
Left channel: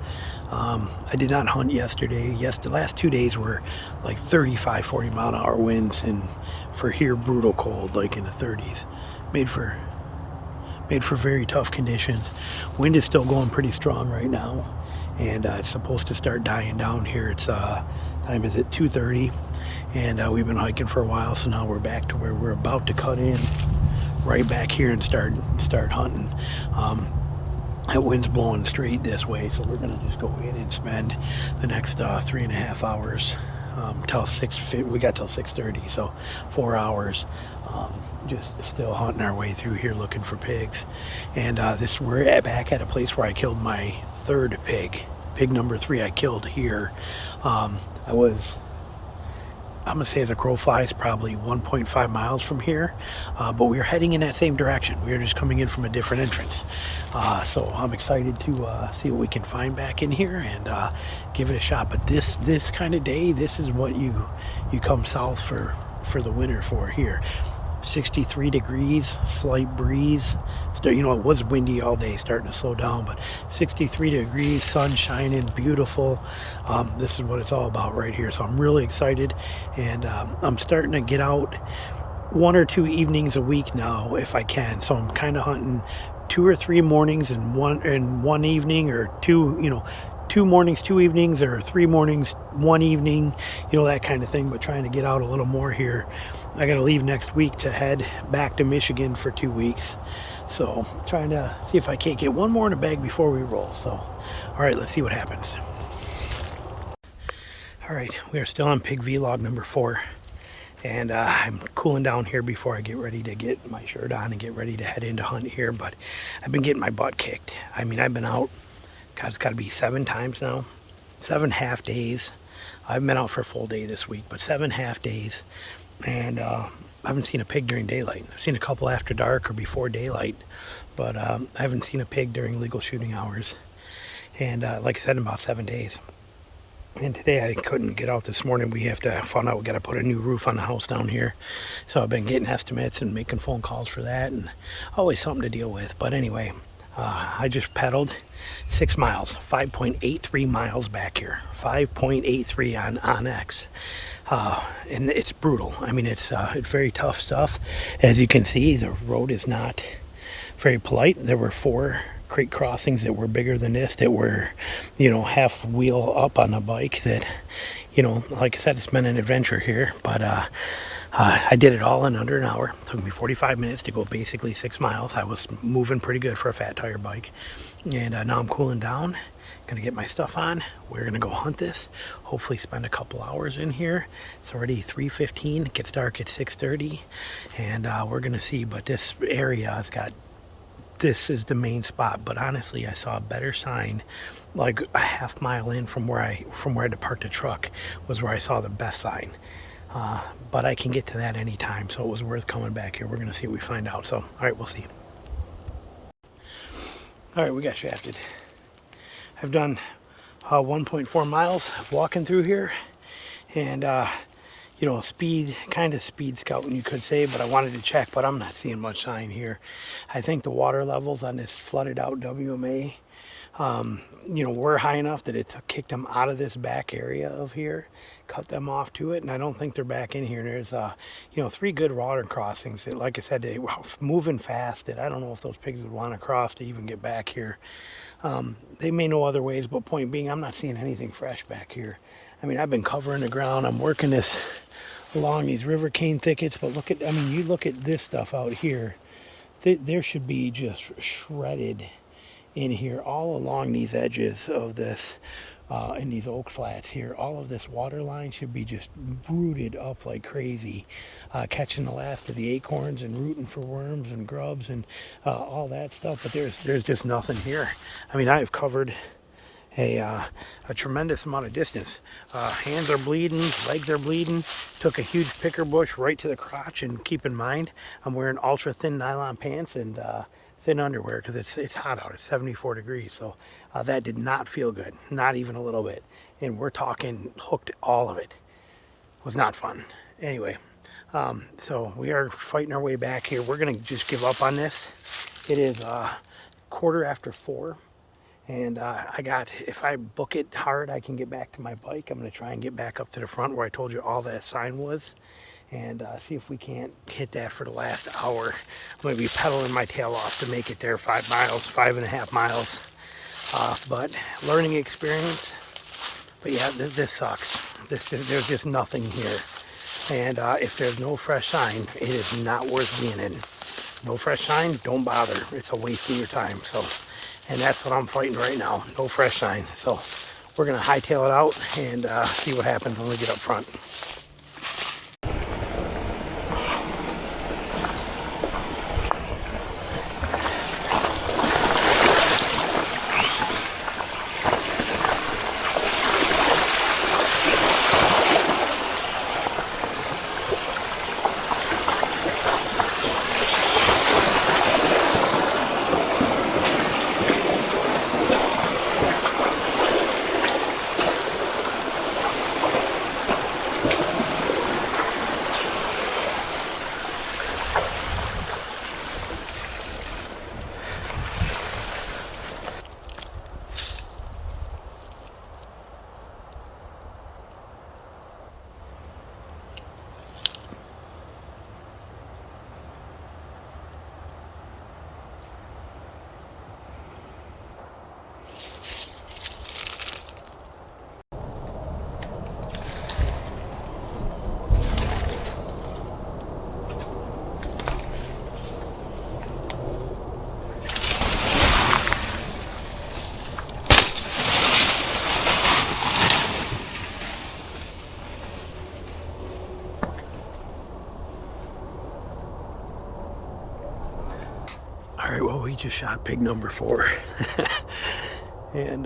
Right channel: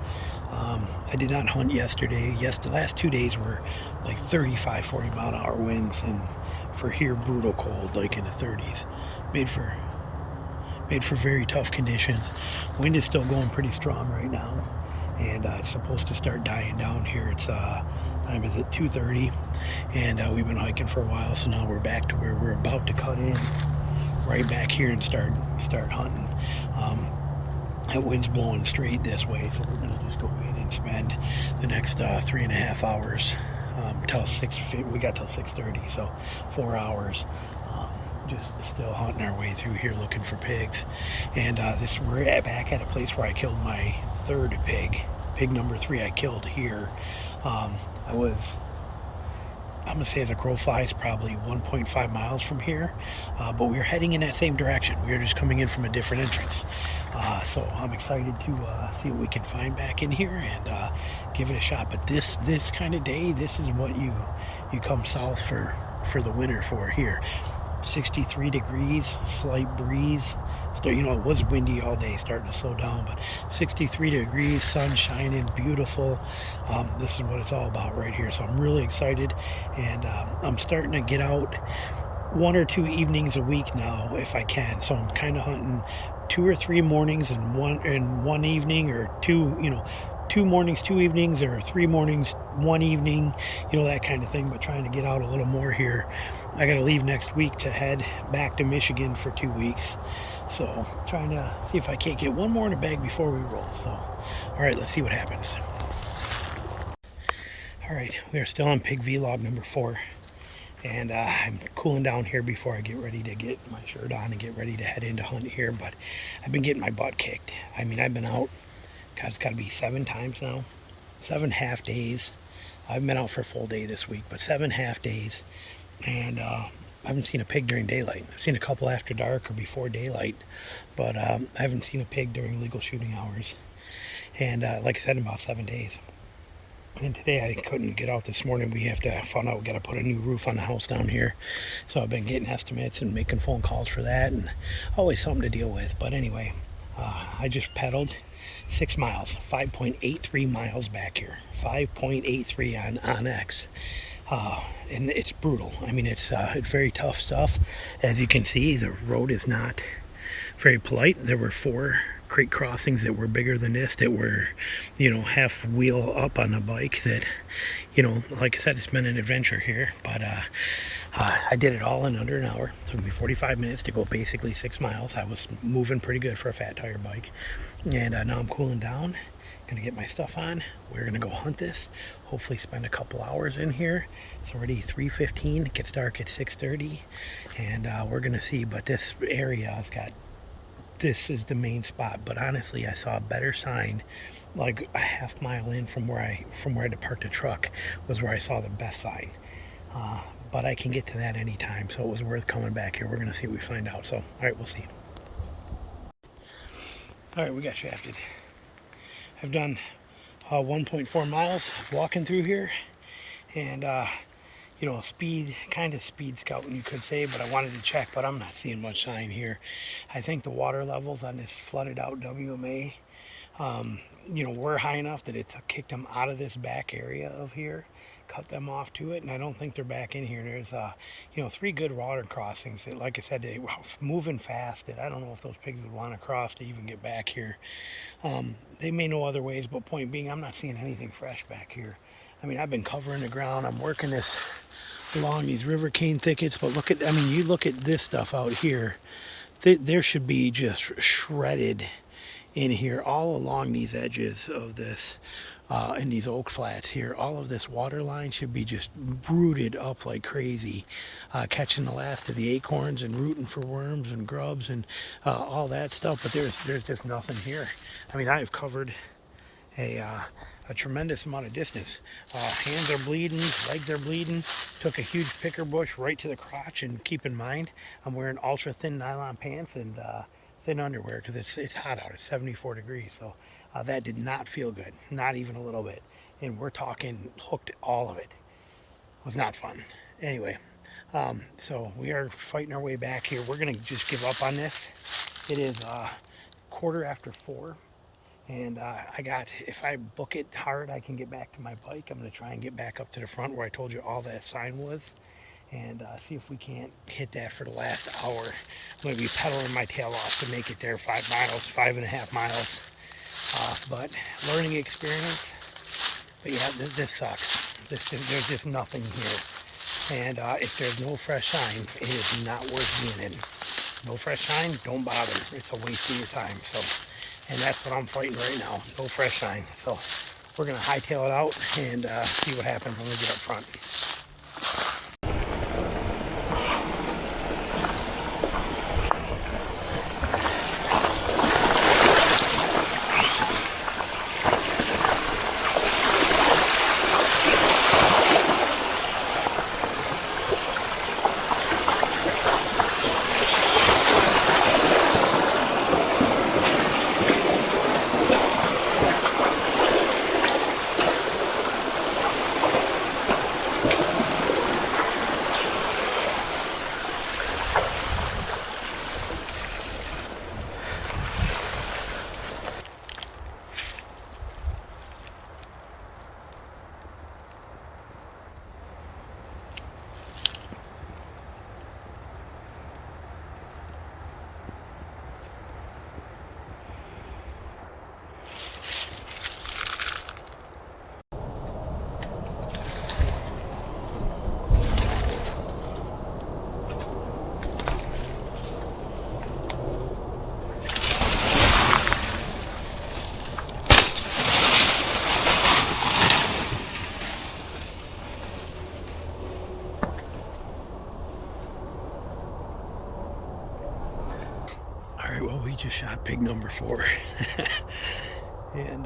I did not hunt yesterday. Yes, the last 2 days were like 35, 40 mile an hour winds, and for here brutal cold, like in the 30s. Made for made for very tough conditions. Wind is still going pretty strong right now, and it's supposed to start dying down here. It's time is at 2:30, and we've been hiking for a while, so now we're back to where we're about to cut in right back here and start hunting. That wind's blowing straight this way, so we're gonna just go in and spend the next 3.5 hours till 6. We got till 6:30, so 4 hours. Just still hunting our way through here looking for pigs. And we're back at a place where I killed my third pig. Pig number 3 I killed here. I'm gonna say as a crow flies, probably 1.5 miles from here, but we were heading in that same direction. We were just coming in from a different entrance. So I'm excited to see what we can find back in here and give it a shot. But this kind of day, this is what you come south for the winter for here. 63 degrees, slight breeze. You know, it was windy all day, starting to slow down, but 63 degrees, sun shining, beautiful. This is what it's all about right here. So I'm really excited, and I'm starting to get out 1 or 2 evenings a week now if I can. So I'm kind of hunting 2 or 3 mornings and one evening, or 2 mornings, 2 evenings, or 3 mornings, 1 evening, that kind of thing, but trying to get out a little more here. I got to leave next week to head back to Michigan for 2 weeks. So trying to see if I can't get one more in the bag before we roll. So, all right, let's see what happens. All right, we are still on pig vlog number 4. And I'm cooling down here before I get ready to get my shirt on and get ready to head into hunt here. But I've been getting my butt kicked. I mean, I've been out, God, it's got to be 7 times now. 7 half days. I haven't been out for a full day this week, but 7 half days. And I haven't seen a pig during daylight. I've seen a couple after dark or before daylight, but I haven't seen a pig during legal shooting hours. And like I said, in about 7 days. And today I couldn't get out this morning. We found out we got to put a new roof on the house down here. So I've been getting estimates and making phone calls for that, and always something to deal with. But anyway, I just pedaled 6 miles, 5.83 miles back here, 5.83 on X. And it's brutal. I mean, it's very tough stuff. As you can see, the road is not very polite. There were 4 creek crossings that were bigger than this, that were, half wheel up on a bike, that, like I said, it's been an adventure here. But I did it all in under an hour. It took me 45 minutes to go basically 6 miles. I was moving pretty good for a fat tire bike. And now I'm cooling down. Gonna get my stuff on. We're gonna go hunt this. Hopefully spend a couple hours in here. It's already 3:15. It gets dark at 6:30, and we're gonna see. But this area has got. This is the main spot. But honestly, I saw a better sign, like a half mile in from where I had to park the truck, was where I saw the best sign. But I can get to that anytime, so it was worth coming back here. We're gonna see what we find out. So, all right, we'll see. All right, we got shafted. I've done 1.4 miles walking through here, and speed scouting, you could say, but I wanted to check, but I'm not seeing much sign here. I think the water levels on this flooded out WMA, were high enough that it kicked them out of this back area of here, cut them off to it, and I don't think they're back in here. And there's 3 good water crossings that, like I said, they were moving fast, that I don't know if those pigs would want to cross to even get back here. They may know other ways, but point being, I'm not seeing anything fresh back here. I mean, I've been covering the ground. I'm working this along these river cane thickets, but you look at this stuff out here. There should be just shredded in here all along these edges of this, in these oak flats here. All of this water line should be just rooted up like crazy, catching the last of the acorns and rooting for worms and grubs and all that stuff. But there's just nothing here. I mean, I've covered a tremendous amount of distance. Hands are bleeding, legs are bleeding. Took a huge picker bush right to the crotch, and keep in mind, I'm wearing ultra thin nylon pants and thin underwear because it's hot out. It's 74 degrees, so that did not feel good, not even a little bit. And we're talking hooked, all of it. Was not fun. Anyway, so we are fighting our way back here. We're gonna just give up on this. It is 4:15. And if I book it hard, I can get back to my bike. I'm going to try and get back up to the front where I told you all that sign was. and see if we can't hit that for the last hour. I'm going to be pedaling my tail off to make it there. 5 miles, 5.5 miles. But learning experience. But yeah, this sucks. There's just nothing here. And if there's no fresh sign, it is not worth being in. No fresh sign, don't bother. It's a waste of your time. So, and that's what I'm fighting right now. No fresh sign. So we're going to hightail it out and see what happens when we get up front. Alright, well, we just shot pig number 4. And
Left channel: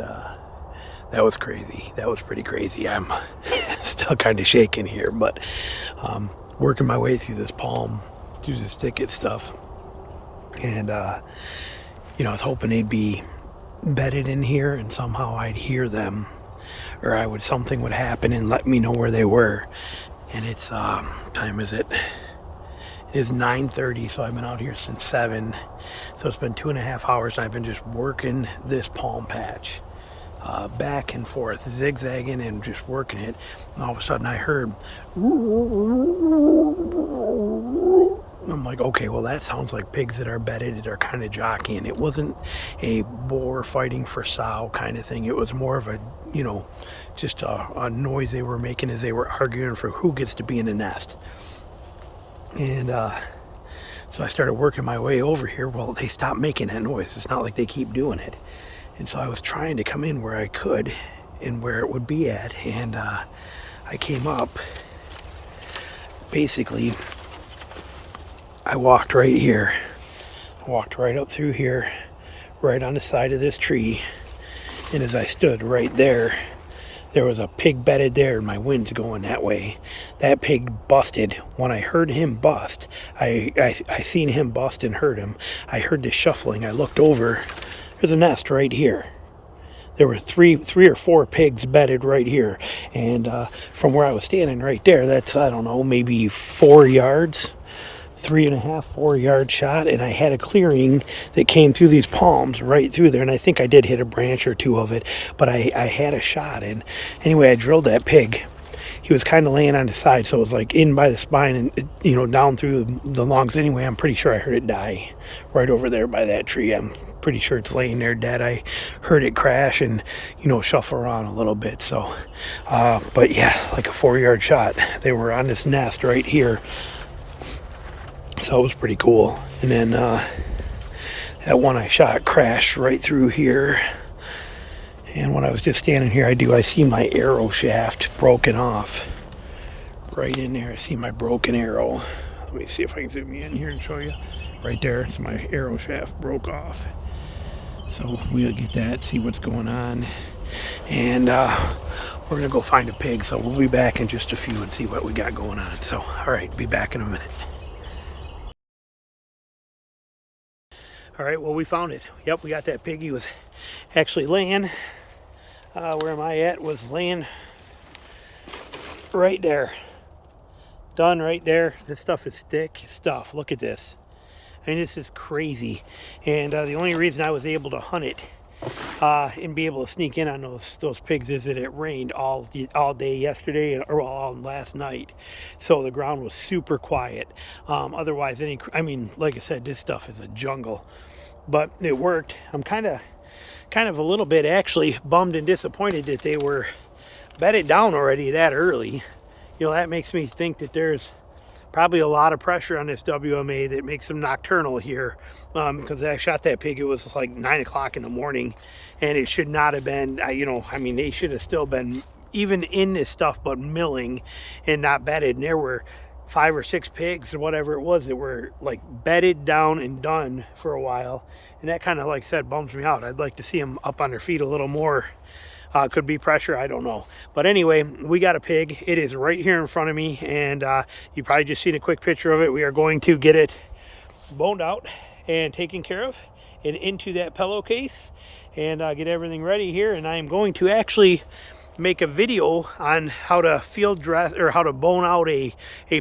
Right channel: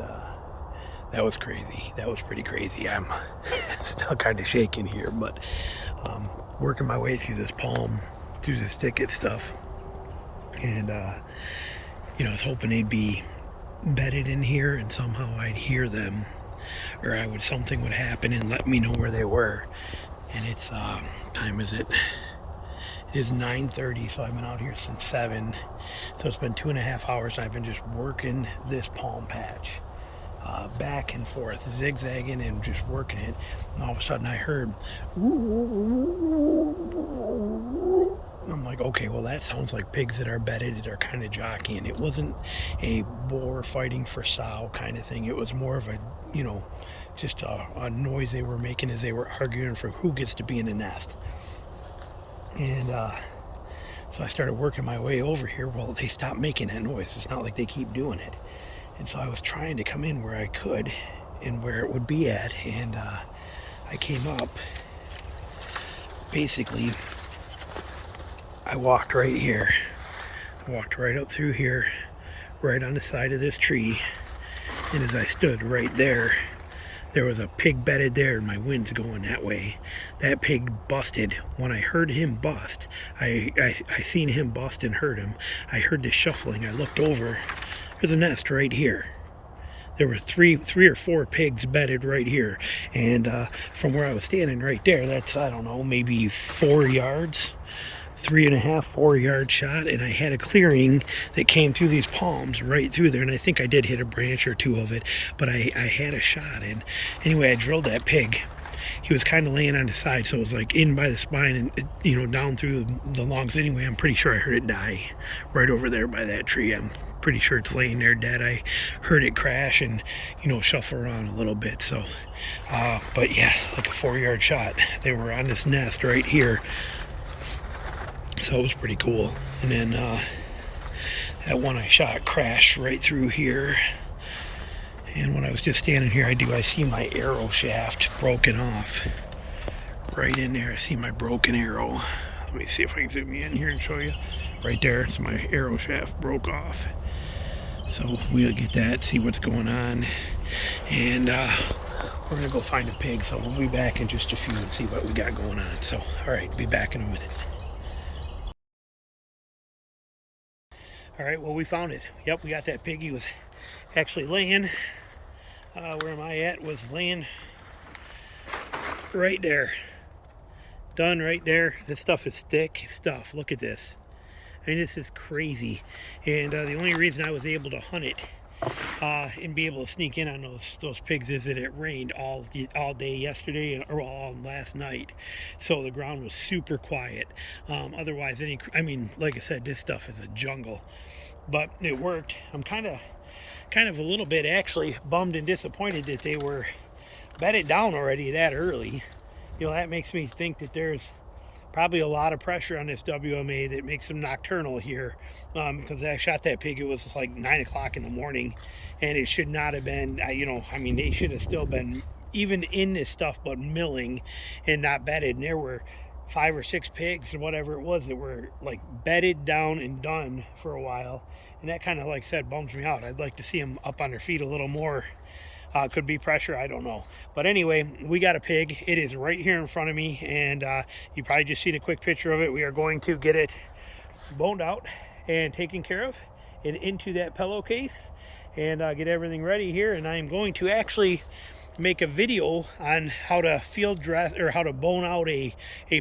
that was crazy. That was pretty crazy. I'm still kind of shaking here, but working my way through this palm, through this thicket stuff. And, you know, I was hoping they'd be bedded in here and somehow I'd hear them, or something would happen and let me know where they were. And it's, time is it? It is 9:30, so I've been out here since 7. So it's been 2.5 hours. I've been just working this palm patch, back and forth, zigzagging and just working it. And all of a sudden I heard, I'm like, okay, well that sounds like pigs that are bedded, that are kind of jockeying. It wasn't a boar fighting for sow kind of thing. It was more of a, you know, just a noise they were making as they were arguing for who gets to be in the nest. And so I started working my way over here. Well, they stopped making that noise. It's not like they keep doing it. And so I was trying to come in where I could and where it would be at. And I came up. Basically, I walked right here. I walked right up through here, right on the side of this tree. And as I stood right there, there was a pig bedded there, and my wind's going that way. That pig busted. When I heard him bust, I seen him bust and heard him. I heard the shuffling. I looked over. There's a nest right here. There were three or four pigs bedded right here. And from where I was standing right there, that's, I don't know, maybe 4 yards. 3.5, 4 yard shot, and I had a clearing that came through these palms right through there, and I think I did hit a branch or two of it, but I had a shot. And anyway, I drilled that pig. He was kind of laying on his side, so it was like in by the spine and, you know, down through the lungs. Anyway, I'm pretty sure I heard it die right over there by that tree. I'm pretty sure it's laying there dead. I heard it crash and, you know, shuffle around a little bit. So but yeah, like a 4 yard shot. They were on this nest right here. So it was pretty cool. And then that one I shot crashed right through here. And when I was just standing here, I see my arrow shaft broken off. Right in there, I see my broken arrow. Let me see if I can zoom in here and show you. Right there, so my arrow shaft broke off. So we'll get that, see what's going on. And we're gonna go find a pig. So we'll be back in just a few and see what we got going on. So, all right, be back in a minute. All right, well, we found it. Yep, we got that pig. He was actually laying, where am I at? Was laying right there. Done right there. This stuff is thick stuff. Look at this. I mean, this is crazy. And the only reason I was able to hunt it and be able to sneak in on those pigs is that it rained all day yesterday, or all last night, so the ground was super quiet. Otherwise, I mean, like I said, this stuff is a jungle, but it worked. I'm kind of a little bit actually bummed and disappointed that they were bedded down already that early. You know, that makes me think that there's probably a lot of pressure on this WMA that makes them nocturnal here, because I shot that pig, it was like 9 o'clock in the morning, and it should not have been, you know, I mean, they should have still been even in this stuff, but milling and not bedded. And there were 5 or 6 pigs or whatever it was that were like bedded down and done for a while, and that kind of, like I said, bums me out. I'd like to see them up on their feet a little more. Could be pressure, I don't know. But anyway, we got a pig. It is right here in front of me, and you probably just seen a quick picture of it. We are going to get it boned out and taken care of and into that pillowcase and get everything ready here. And I am going to actually make a video on how to field dress or how to bone out a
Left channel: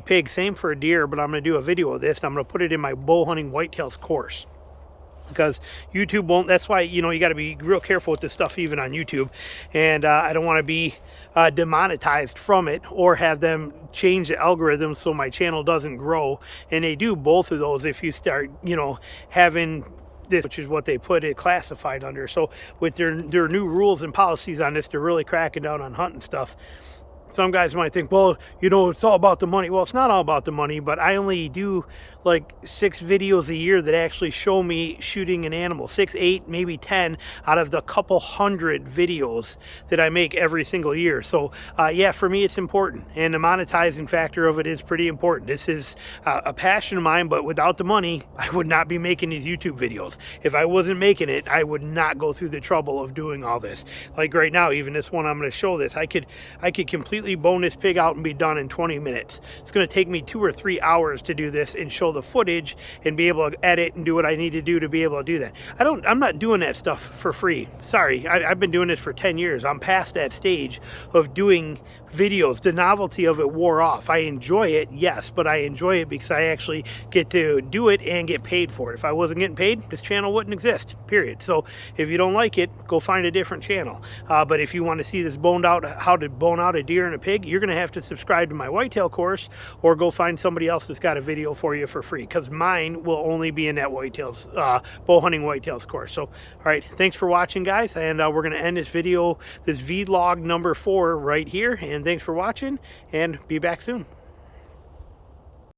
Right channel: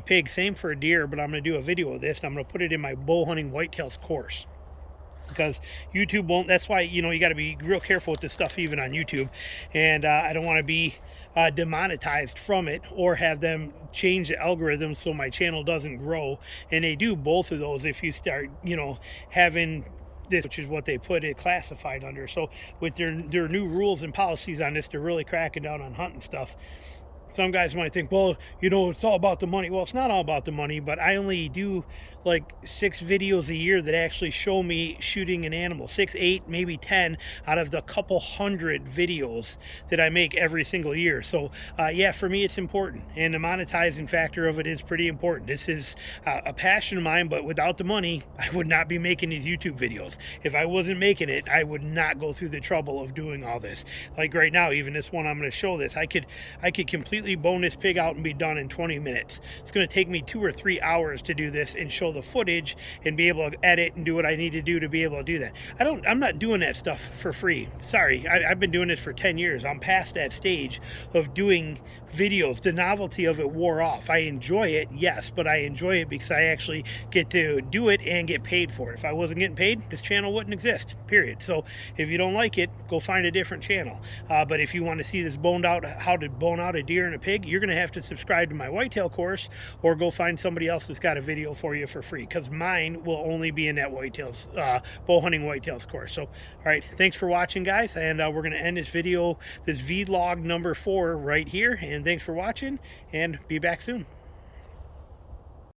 pig. Same for a deer, but I'm going to do a video of this, and I'm going to put it in my bow hunting whitetails course, because YouTube won't. That's why, you know, you got to be real careful with this stuff even on YouTube, and I don't want to be demonetized from it or have them change the algorithm so my channel doesn't grow. And they do both of those if you start, you know, having this, which is what they put it classified under. So with their new rules and policies on this, they're really cracking down on hunting stuff. Some guys might think, well, you know, it's all about the money. Well, it's not all about the money, but I only do like 6 videos a year that actually show me shooting an animal. 6, 8, maybe 10 out of the couple hundred videos that I make every single year. So yeah, for me it's important, and the monetizing factor of it is pretty important. This is a passion of mine, but without the money I would not be making these YouTube videos. If I wasn't making it, I would not go through the trouble of doing all this. Like right now, even this one I'm going to show this, I could completely bone this pig out and be done in 20 minutes. It's going to take me 2 or 3 hours to do this and show the footage and be able to edit and do what I need to do be able to do that. I'm not doing that stuff for free. Sorry, I've been doing this for 10 years. I'm past that stage of doing videos. The novelty of it wore off. I enjoy it, yes, but I enjoy it because I actually get to do it and get paid for it. If I wasn't getting paid, this channel wouldn't exist, period. So if you don't like it, go find a different channel. But if you want to see this boned out, how to bone out a deer and a pig, you're going to have to subscribe to my whitetail course or go find somebody else that's got a video for you for free, because mine will only be in that whitetails, bow hunting whitetails course. So, all right, thanks for watching, guys, and we're going to end this video, this vlog number 4 right here. And thanks for watching, and be back soon.